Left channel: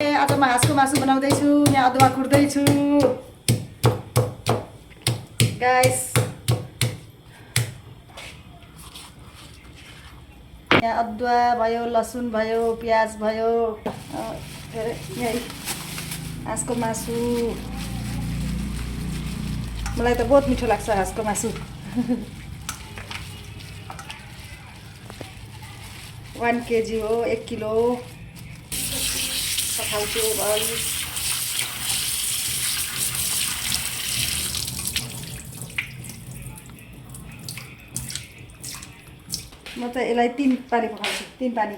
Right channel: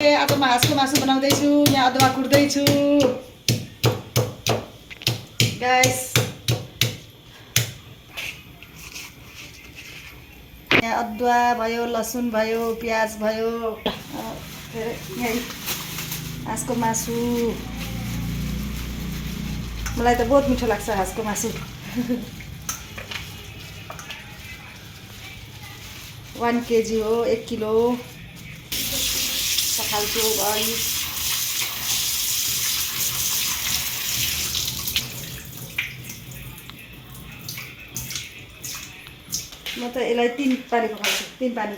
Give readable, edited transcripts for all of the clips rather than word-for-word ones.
आज म हाँसको मासु बनाउँदैछु। यहाँ अदुवा कुट्दैछु गाइस। यहाँ अदुवा भयो, लसुन भयो, प्याज भयो। यही हाँसको मासु। मलाई त बहुत मिठो लाग्छ हाँसको मासु। 1 केजी हो, 1 किलो पठाउँछु भाइ। म त यसलाई 3 पानी पकाउँछु, 3 पानी।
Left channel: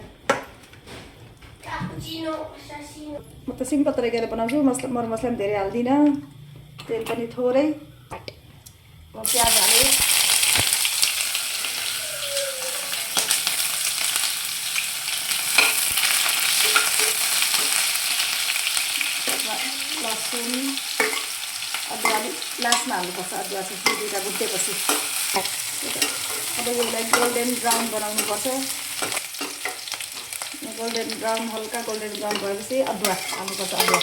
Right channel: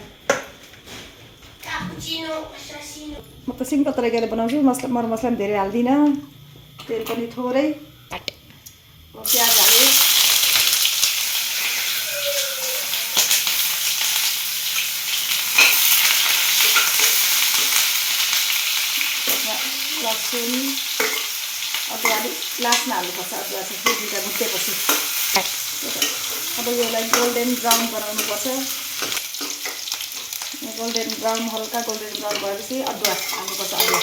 म त सिम्पल तरिकाले बनाउँछु, मरमसला पनि धेरै हाल्दिनँ, तेल पनि थोरै। प्याज हालेँ, लसुन, अदुवा अलिक लास्टमा हाल्नुपर्छ। अदुवा चाहिँ दुईवटा भुटेपछि। अब यसलाई गोल्डन ब्राउन बनाउनुपर्छ। गोल्डन ब्राउन, हल्का गोल्डन ब्राउन भएपछि अदुवा हाल्नुपर्छ। अदुवा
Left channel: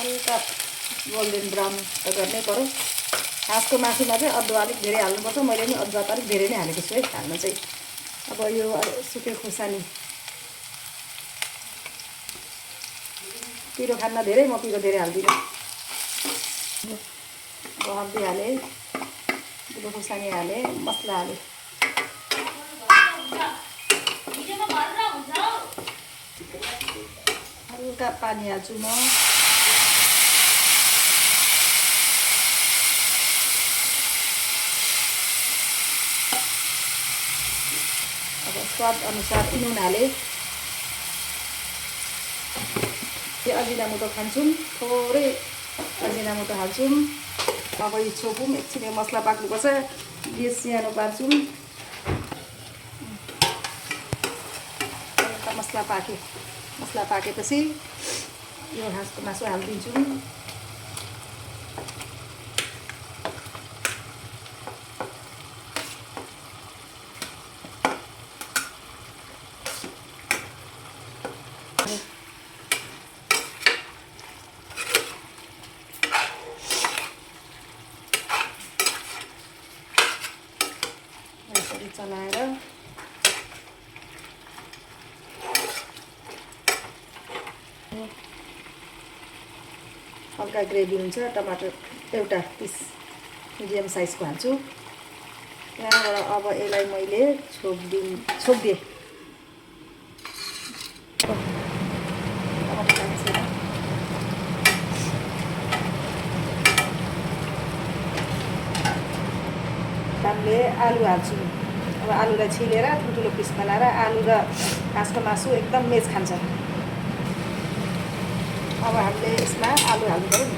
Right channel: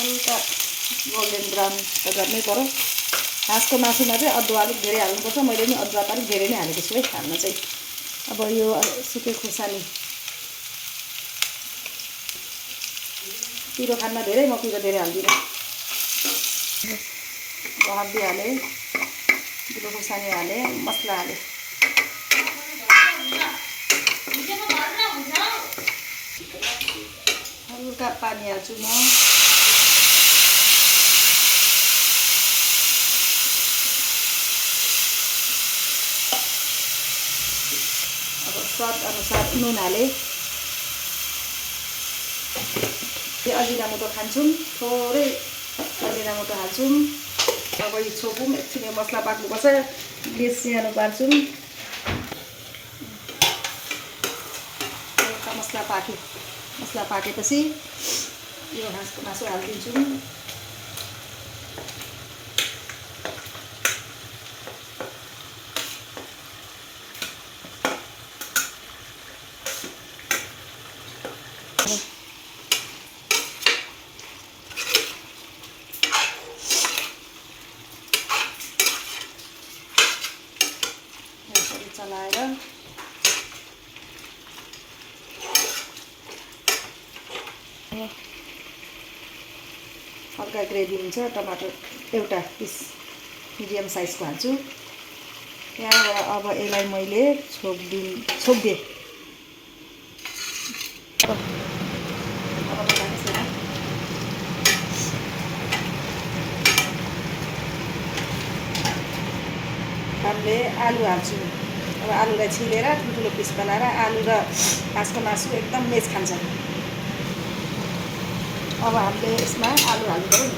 हल्का गोल्डन ब्राउन गर्नै पर्यो। हाँसको मासुमा चाहिँ अदुवा अलिक धेरै हाल्नुपर्छ। मैले पनि अदुवा त अलिक धेरै नै हालेको छु है हाल्नु चाहिँ। अब यो सुकेको खुर्सानी, पिरो खान्न धेरै, म पिरो धेरै हाल्दिनँ। हर्दी हालेँ, पिरो खुर्सानी हालेँ, मसला हालेँ। हल्का पानी हाल्छु म। अब स्वाद अनुसार नुन हालेँ। अजिनामोटो खान्छौँ, थोरै अजिनामोटो हाल्छौँ। अब यो छोपौँ, एकछिन यो मसला पाक्नुपर्छ। ग्यास सानो पार्छौँ। मसला पाकेपछि यो हाँसको मासु हालिदिन्छौँ। यसरी चलाएर हल्का ग्रेभी हुन्छ। टमाटर एउटा पिस मिडियम साइजको हाल्छु। त्यहाँबाट अब यसलाई मैले छोपिदिएँ। अब लाग्छ हामीले आलु हाल्छु। अब आलुलाई छिलेर ठुल्ठुलो पिस बनाएर आलु र हाँसको मासु एकदम मेच खान्छ। अब हामीले यसमा आलु हाल्नु पऱ्यो नि।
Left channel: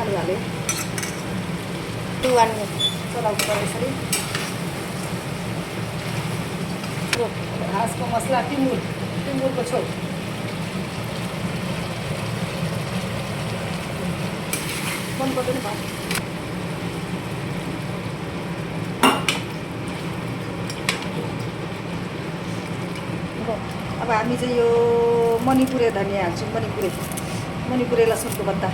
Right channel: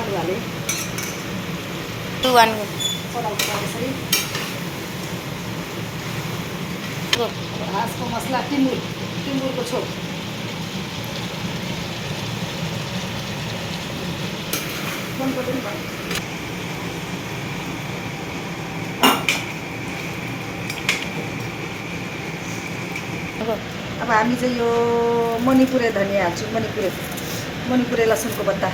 आलु हालेँ, चलाउनु पऱ्यो यसरी। हाँसको मसला टिमुरको छोप। मन पर्दैन भयो। अब हामी चाहिँ यो मणिपुरे धनिया हाल्छौँ। मणिपुरे लसुनको पत्ता।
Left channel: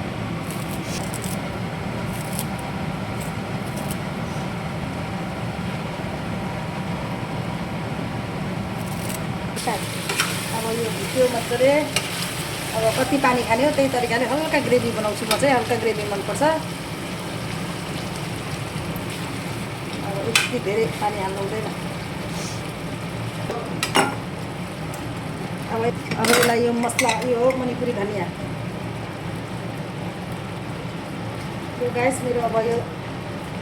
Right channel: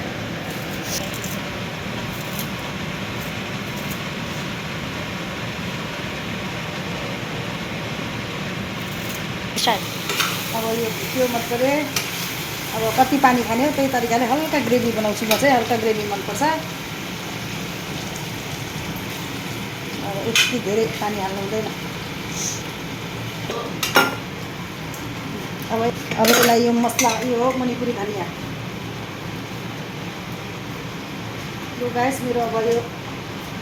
अब यो भुट्यो मजाले। अब कति पानी खाने हो त्यही तरिकाले हल्का ग्रेभी बनाउँछु म चाहिँ। हल्का ग्रेभी मनपर्छ। अब यति धेरै पानी हाल्नु हुँदैन। अब यसलाई यो मसला, यो हो मणिपुरी धनिया। यो गाइस मेरो अब यो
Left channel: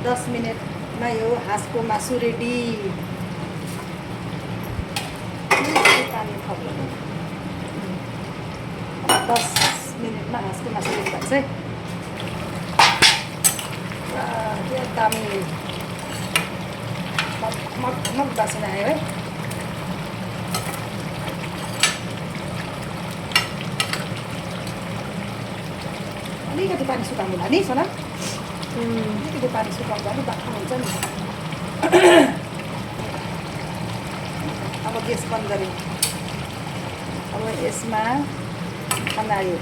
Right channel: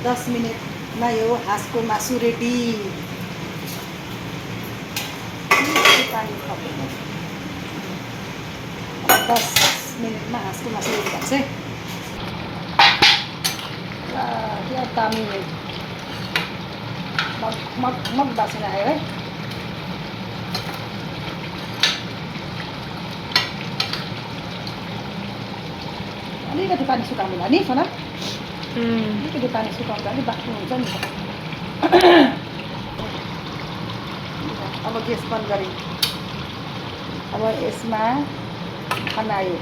10 मिनटमा यो हाँसको मासु रेडी। पानी थप्नु 10 मिनटमा हाँसको मासु रेडी भन्छ है। क्या दामी मग बासिना आयो है। अलिकति पानी सुकाउनुलाई नि सोना, अलिकति पानी सुकाउँदा अलिक बाक्लो हुन्छ नि। ग्यास बन्द गरेँ। अब यसमा खनायो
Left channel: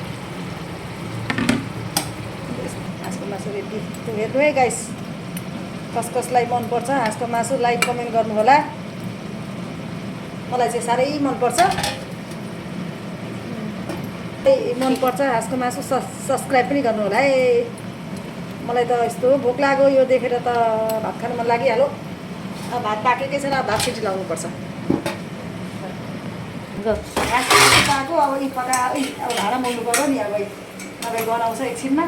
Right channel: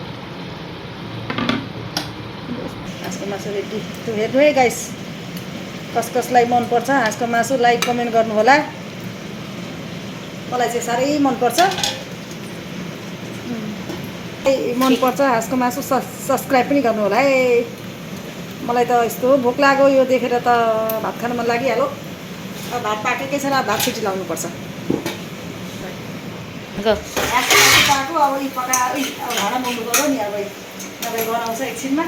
हाँसको मासु रेडी। हेर्नु है गाइस, कसलाई मनपर्छ हाँसको मासु लाइक कमेन्ट गर्नु होला। मलाई चाहिँ साह्रै मनपर्छ हाँसको मासु। सब्सक्राइब पनि गर्नु होला है। मलाई त यस्तो भोक लाग्यो यो देखेर त भात खानु मन लागिहाल्यो। अब भात पाकेकै छैन, भात सिटी लाउनुपर्छ। हाँसको मासु पाएको अब यी पकाएर अब भाँडा मोल्नु गयो नि अब नभए गनाउँछ एकछिनमा।